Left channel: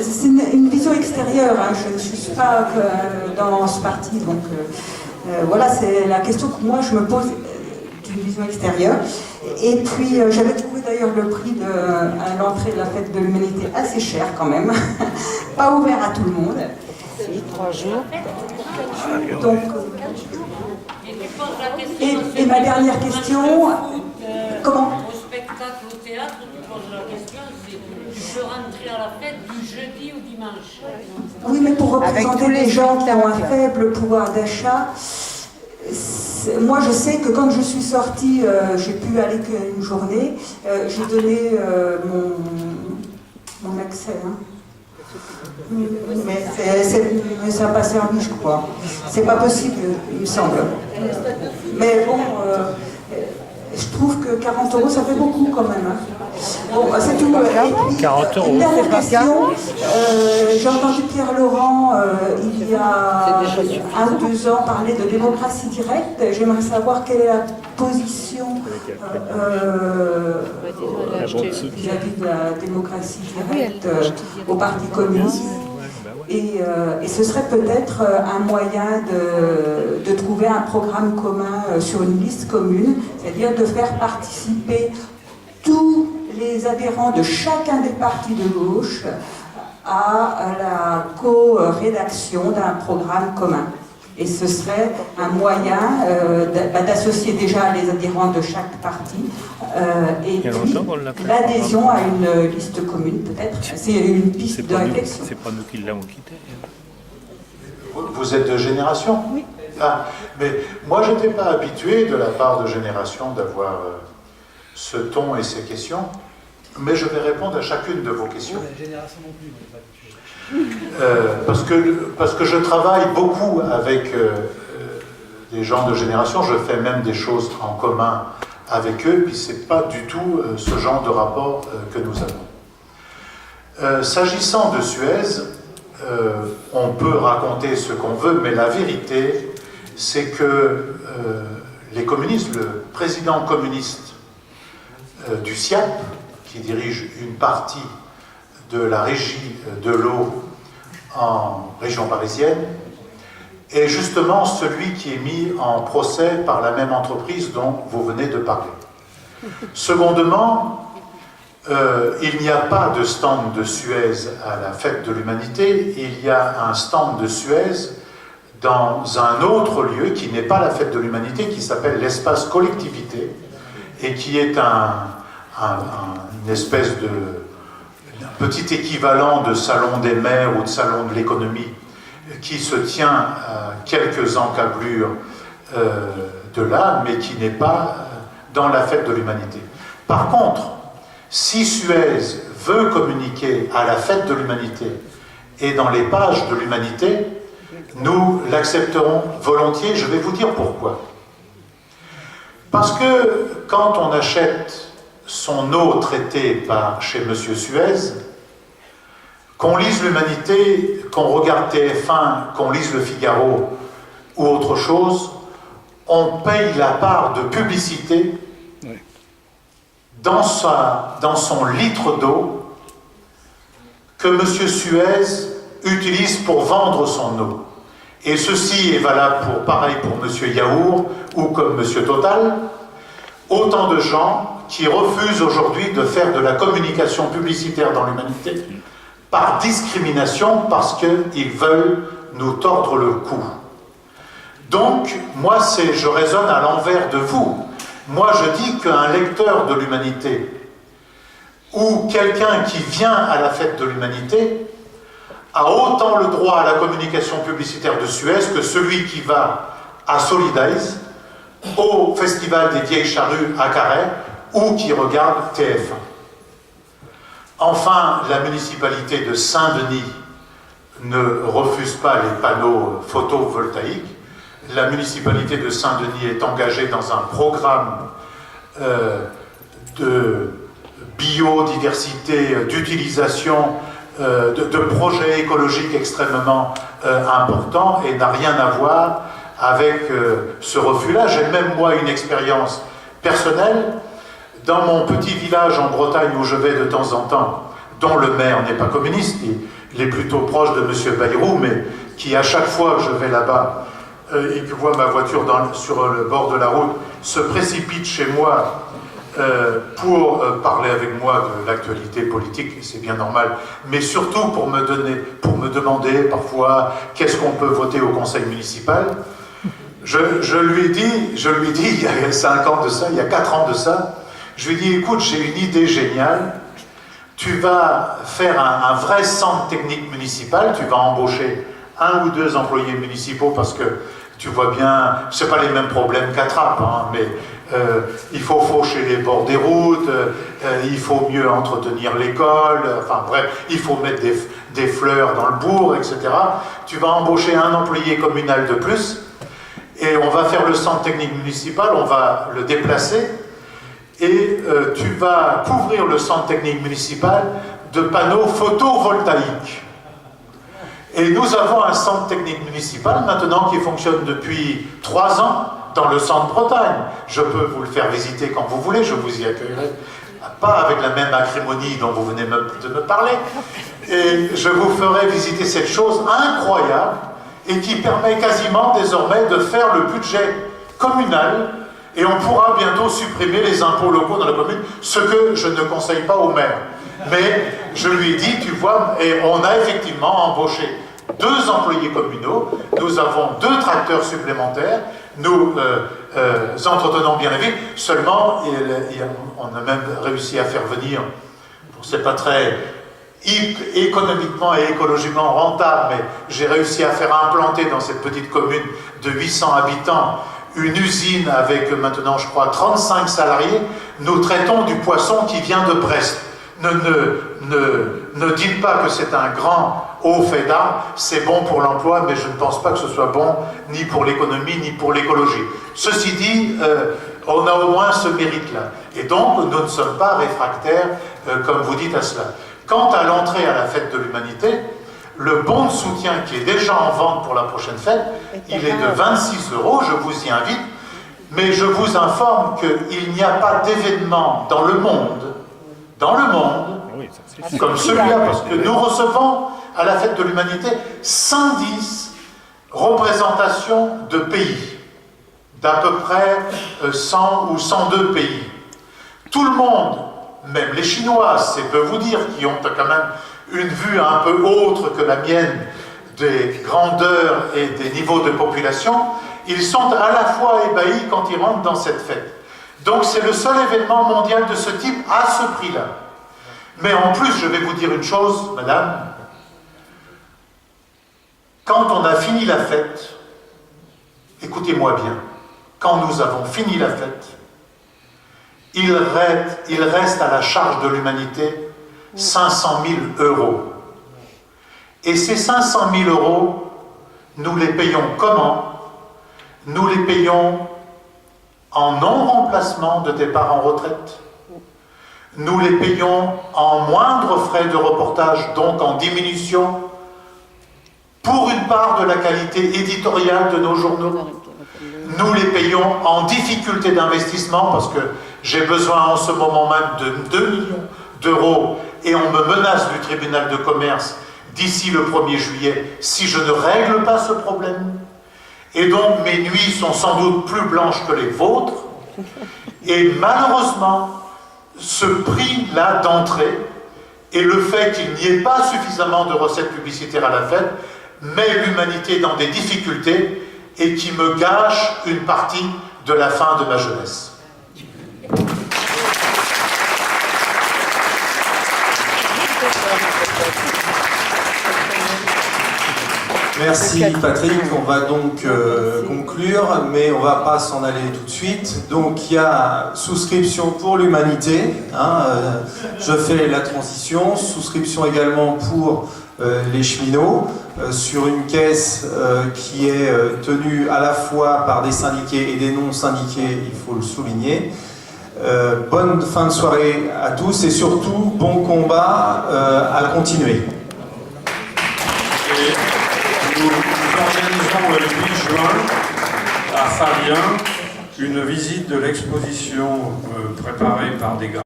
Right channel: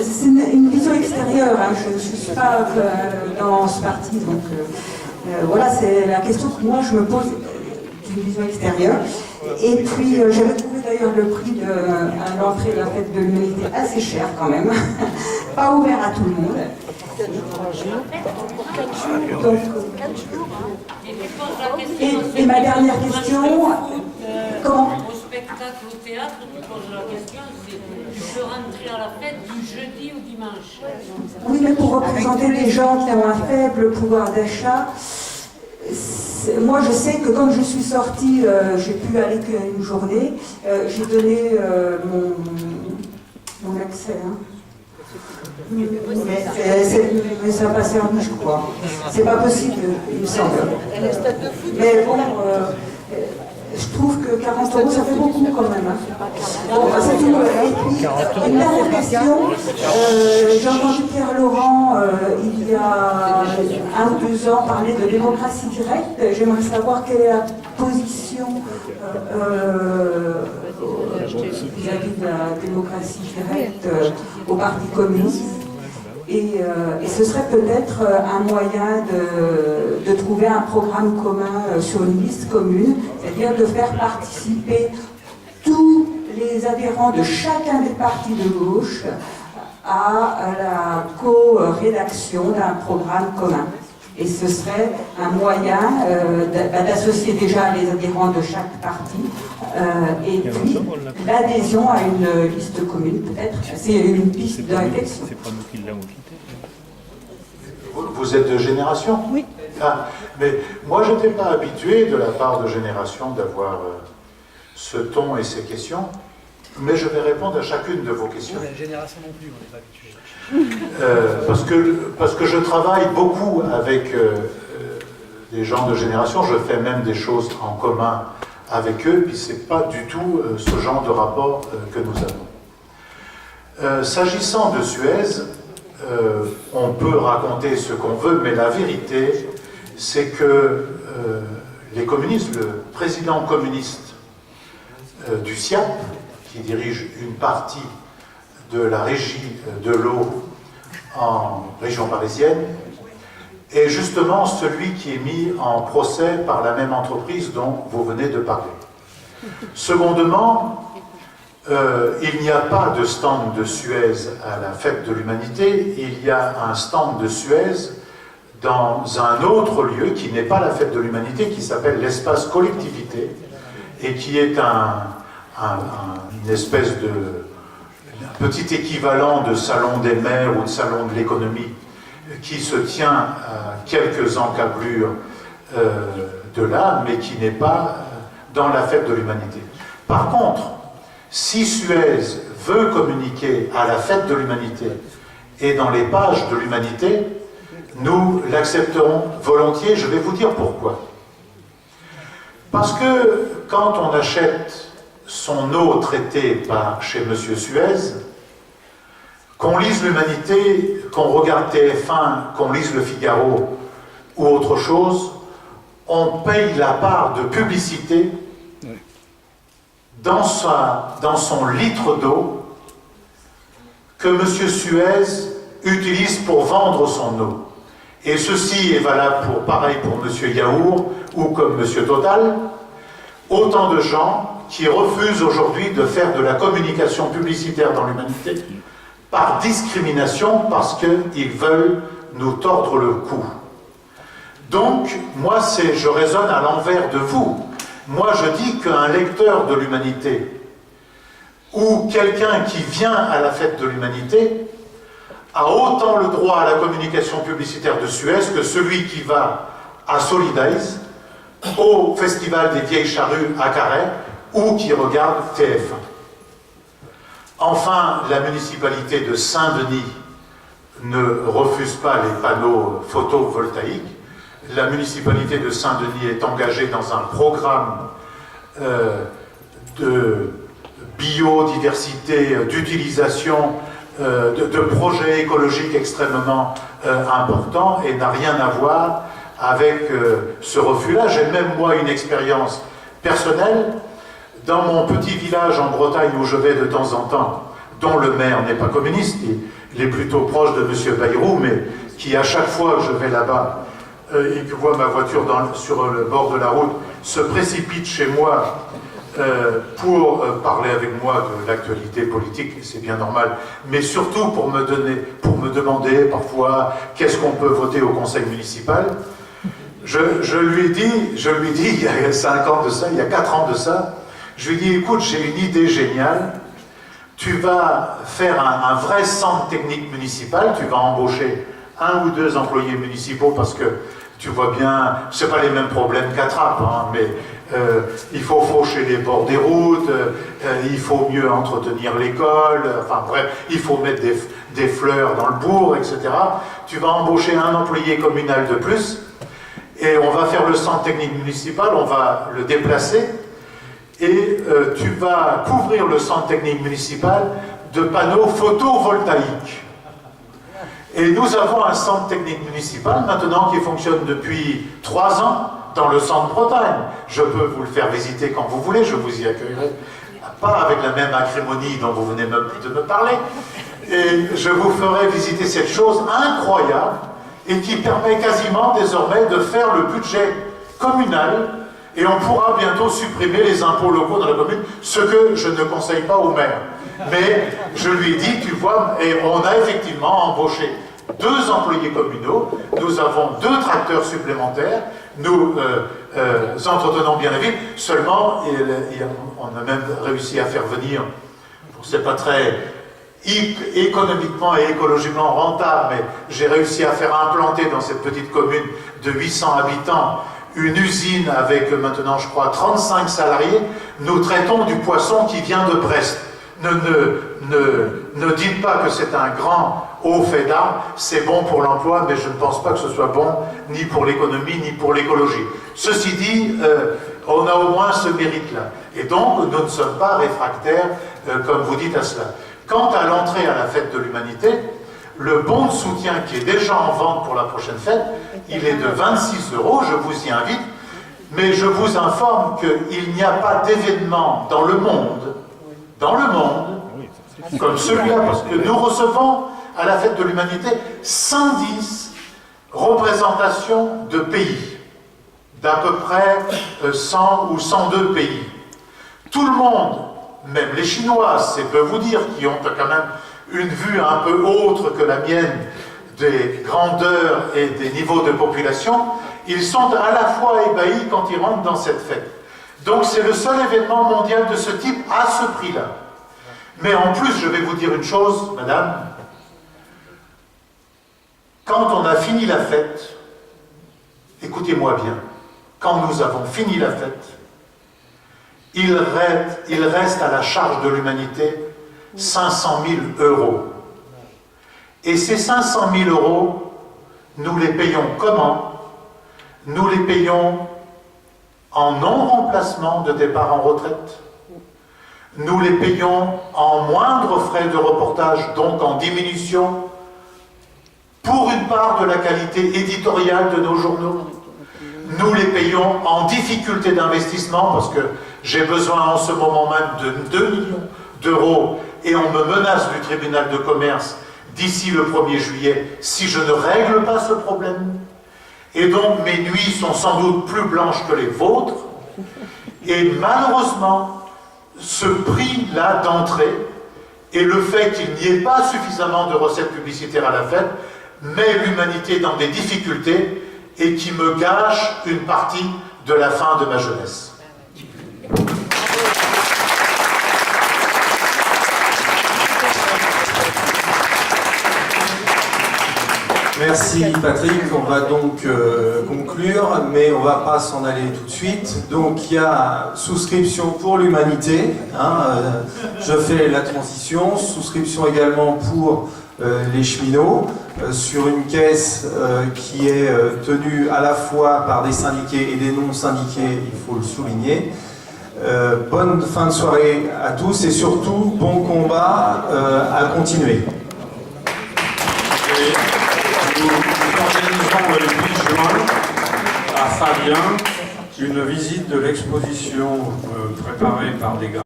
c'est une vision extérieure, hein. Je ne suis pas dans ce parti, donc voilà, c'est la question que moi je me pose d'une vision extérieure. Et puis j'avais trouvé d'ailleurs le prix à l'entrée de la fête de l'humanité assez cher quand même, pas ouvert à tout le monde. 3 jours. Donc, et ma dernière question, comment? Au spectacle, au théâtre, tu poses la question, c'est tu peux rentrer à la fête du jeudi au dimanche. Oui, mais pour représenter des gens qui ont un faible pouvoir d'achat, moi je sais que quand je suis sortie, j'ai pu aller qu'une journée, j'ai donné mon accès. Hein. Mais ça a passé en je crois. C'est pas possible, il me semble. Mais bon, je trouve que 40 € ça fait beaucoup quand même. Hein. Bon, c'est tout. Et puis, 40 €. Une dernière question. J'ai entendu Pierre Laurent il y a 1 ou 2 ans parler de démocratie directe. J'aimerais savoir quelle est la position vis-à-vis de la démocratie directe au Parti communiste. Et ce serait peut-être un moyen de trouver un programme commun sur une liste commune, c'est-à-dire de faire participer tous les adhérents de chacun des partis de gauche à la co-rédaction d'un programme commun. Et ce serait un moyen d'associer déjà les adhérents de chaque parti et puis l'adhésion à une liste commune, peut-être. C'est une piste de réflexion. C'est pas nous qui l'avons quitté. Vous êtes de Génération? Oui. Ah, mais moi, je n'étais pas habitué de la part de Génération d'avoir ce ton et ces questions, mais je vais répondre à chacune de vos questions. La Génération non plus, on n'est pas habitué. Parce que je travaille beaucoup avec des gens de Génération, je fais même des choses en commun avec eux, puis c'est pas du tout ce genre de rapport que nous avons. S'agissant de Suez, on peut raconter ce qu'on veut, mais la vérité, c'est que les communistes, le président communiste du SIAP, qui dirige une partie de la régie de l'eau en région parisienne, est justement celui qui est mis en procès par la même entreprise dont vous venez de parler. Secondement, il n'y a pas de stand de Suez à la Fête de l'Humanité, il y a un stand de Suez dans un autre lieu qui n'est pas la Fête de l'Humanité, qui s'appelle l'Espace Collectivité, et qui est une espèce de petit équivalent de salon des maires ou de salon de l'économie qui se tient à quelques encablures de là, mais qui n'est pas dans la Fête de l'Humanité. Par contre, si Suez veut communiquer à la Fête de l'Humanité et dans les pages de l'Humanité, nous l'accepterons volontiers. Je vais vous dire pourquoi. Parce que quand on achète son eau traitée chez M. Suez, qu'on lise l'Humanité, qu'on regarde TF1, qu'on lise Le Figaro ou autre chose, on paye la part de publicité dans son litre d'eau que M. Suez utilise pour vendre son eau. Et ceci est valable pareil pour M. Yaourt ou comme M. Total, autant de gens qui refusent aujourd'hui de faire de la communication publicitaire dans l'Humanité par discrimination parce qu'ils veulent nous tordre le cou. Donc, moi, je raisonne à l'envers de vous. Moi, je dis qu'un lecteur de l'Humanité ou quelqu'un qui vient à la Fête de l'Humanité a autant le droit à la communication publicitaire de Suez que celui qui va à Solidays, au Festival des Vieilles Charrues à Carhaix, ou qui regarde TF1. Enfin, la municipalité de Saint-Denis ne refuse pas les panneaux photovoltaïques. La municipalité de Saint-Denis est engagée dans un programme de biodiversité, d'utilisation, de projets écologiques extrêmement importants et n'a rien à voir avec ce refus-là. J'ai même moi une expérience personnelle. Dans mon petit village en Bretagne où je vais de temps en temps, dont le maire n'est pas communiste, il est plutôt proche de M. Bayrou, mais qui à chaque fois que je vais là-bas et que voit ma voiture sur le bord de la route, se précipite chez moi pour parler avec moi de l'actualité politique, c'est bien normal, mais surtout pour me demander parfois qu'est-ce qu'on peut voter au conseil municipal. Je lui dis, il y a 5 ans de ça, il y a 4 ans de ça, je lui dis, écoute, j'ai une idée géniale, tu vas faire un vrai centre technique municipal, tu vas embaucher 1 ou 2 employés municipaux parce que tu vois bien, c'est pas les mêmes problèmes qu'à Trappes, hein, mais il faut faucher les bords des routes, il faut mieux entretenir l'école, enfin bref, il faut mettre des fleurs dans le bourg, etc. Tu vas embaucher 1 employé communal de plus, et on va faire le centre technique municipal, on va le déplacer, et tu vas couvrir le centre technique municipal de panneaux photovoltaïques. Et nous avons un centre technique municipal maintenant qui fonctionne depuis 3 ans dans le centre Bretagne. Je peux vous le faire visiter quand vous voulez, je vous y accueillerai. Pas avec la même acrimonie dont vous venez de me parler. Et je vous ferai visiter cette chose incroyable et qui permet quasiment désormais de faire le budget communal, et on pourra bientôt supprimer les impôts locaux dans la commune, ce que je ne conseille pas au maire. Mais je lui ai dit, tu vois, et on a effectivement embauché 2 employés communaux, nous avons 2 tracteurs supplémentaires, nous entretenons bien la ville, seulement on a même réussi à faire venir, c'est pas très économiquement et écologiquement rentable, mais j'ai réussi à faire implanter dans cette petite commune de 800 habitants une usine avec maintenant, je crois, 35 salariés. Nous traitons du poisson qui vient de Brest. Ne dites pas que c'est un grand haut fait d'armes, c'est bon pour l'emploi, mais je ne pense pas que ce soit bon ni pour l'économie, ni pour l'écologie. Ceci dit, on a au moins ce mérite-là. Et donc, nous ne sommes pas réfractaires, comme vous dites, à cela. Quant à l'entrée à la fête de l'humanité, le bon de soutien qui est déjà en vente pour la prochaine fête, il est de 26 €, je vous y invite, mais je vous informe qu'il n'y a pas d'événement dans le monde, comme celui-là, parce que nous recevons à la fête de l'humanité 110 représentations de pays, d'à peu près 100 ou 102 pays. Tout le monde, même les Chinois, c'est peu vous dire, qui ont quand même une vue un peu autre que la mienne des grandeurs et des niveaux de population, ils sont à la fois ébahis quand ils rentrent dans cette fête. Donc c'est le seul événement mondial de ce type à ce prix-là. Mais en plus, je vais vous dire une chose, madame, quand on a fini la fête, écoutez-moi bien, quand nous avons fini la fête, il reste à la charge de l'humanité 500 000 €. Et ces 500 000 €, nous les payons comment? Nous les payons en non-remplacement de départ en retraite. Nous les payons en moindre frais de reportage, donc en diminution, pour une part de la qualité éditoriale de nos journaux. Nous les payons en difficulté d'investissement, parce que j'ai besoin en ce moment même de 2 millions d'euros, et on me menace du tribunal de commerce d'ici le 1er juillet si je ne règle pas ce problème. Et donc mes nuits sont sans doute plus blanches que les vôtres, et malheureusement, ce prix-là d'entrée et le fait qu'il n'y ait pas suffisamment de recettes publicitaires à la fête met l'humanité dans des difficultés et qui me gâche une partie de la fin de ma jeunesse. Merci Patrick, on va donc conclure, mais on ne va pas s'en aller tout de suite. Donc il y a souscription pour l'humanité, je fais la transition, souscription également pour les cheminots, sur une caisse qui est tenue à la fois par des syndiqués et des non-syndiqués, il faut le souligner. Bonne fin de soirée à tous et surtout bon combat à continuer. Nous organisons le 8 juin à Fabien une visite de l'exposition préparée par des